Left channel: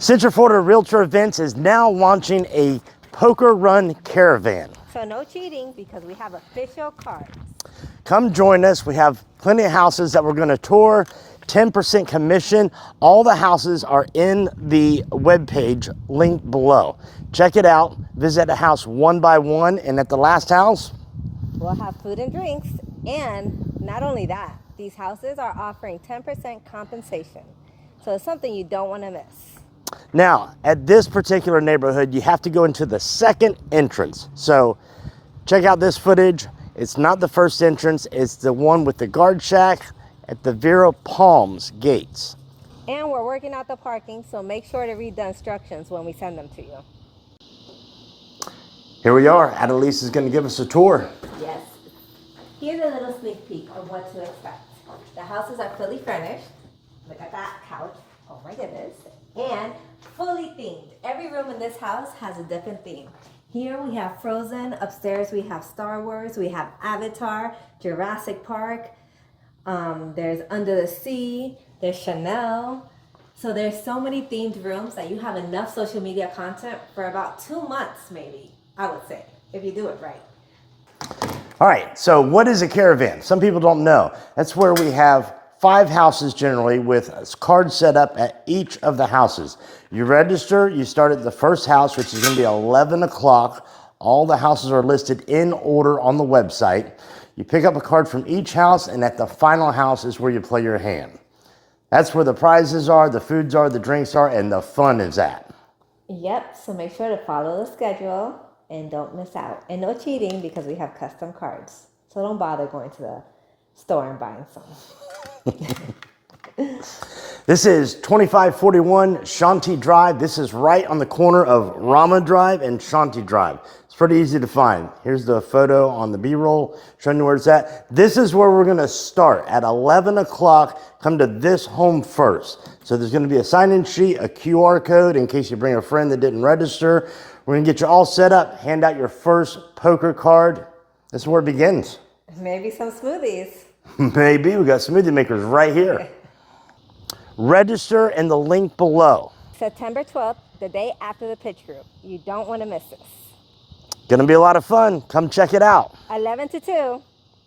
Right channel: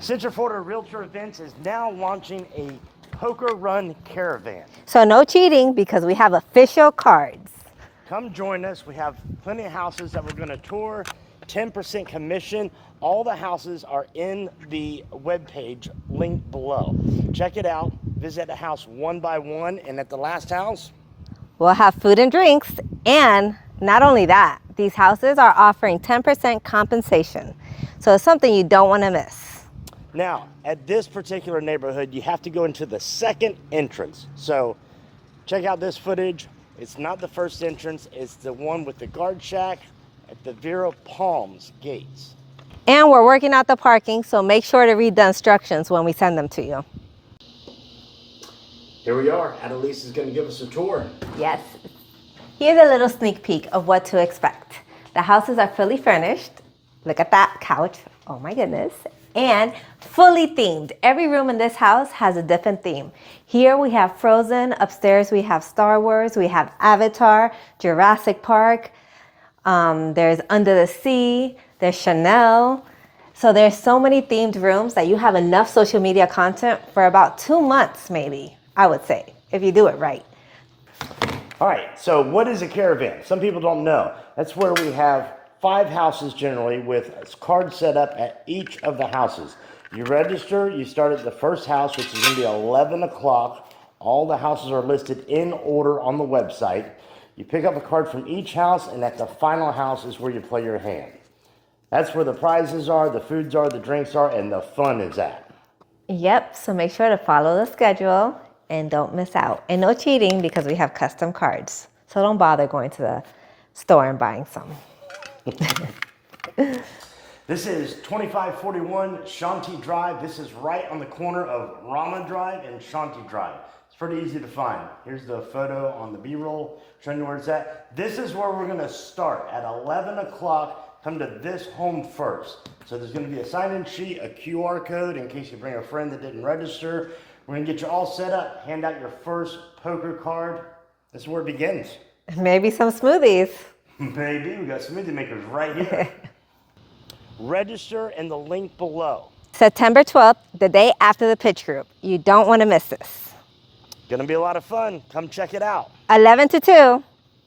Central Florida Realtor Events is now launching a Poker Run Caravan. So no cheating because we have official cards. Come join us. We have plenty of houses that we're going to tour, 10% commission. All the houses are in the webpage linked below. Check it out. Visit a house one by one, and at the last house, we'll have food and drinks. And not only that, these houses are offering 10% compensation. So it's something you don't want to miss. Now, at this particular neighborhood, you have to go into the second entrance. So check out this footage. It's not the first entrance. It's the one with the guard shack at the Vera Palms gates. And we're working out the parking, so make sure to read the instructions when we send them to you. Here we are. Annalise is going to give us a tour. Yes. Here's a little sneak peek of what to expect. The houses are fully furnished. Look at that couch. Oh my goodness. And fully themed. Every room in this house has a different theme. Here we have Frozen. Upstairs we have Star Wars. We have Avatar, Jurassic Park. There's Under the Sea. There's Chanel. So there's so many themed rooms that you have enough social media content for about 2 months, maybe, I would say, if you do it right. All right, so what is a caravan? Some people don't know. That's where we have 5 houses generally with cards set up at each of the houses. You register, you start at the first house, which is going to be 11 o'clock. All the houses are listed in order on the website. You pick up a card from each house, and at the final house is where you play your hand. That's where the prizes are, the foods are, the drinks are, and the fun is at. Yep, so make sure to follow the schedule and don't miss out. And no cheating because we have custom cards. So don't bother going to the store and buying some. This is 2541 Shanti Drive. This is right on the corner of Rama Drive and Shanti Drive. It's pretty easy to find. Here's the photo on the B-roll showing you where it's at. This is where we're going to start at 11 o'clock. Come to this home first. So there's going to be a sign-in sheet, a QR code in case you bring a friend that didn't register. We're going to get you all set up, hand out your first poker card. This is where it begins. Maybe some smoothies. Maybe. We got smoothie makers right here. Register in the link below. September 12th, the day after the pitch group. You don't want to miss this. Gonna be a lot of fun. Come check it out. 11 to 2.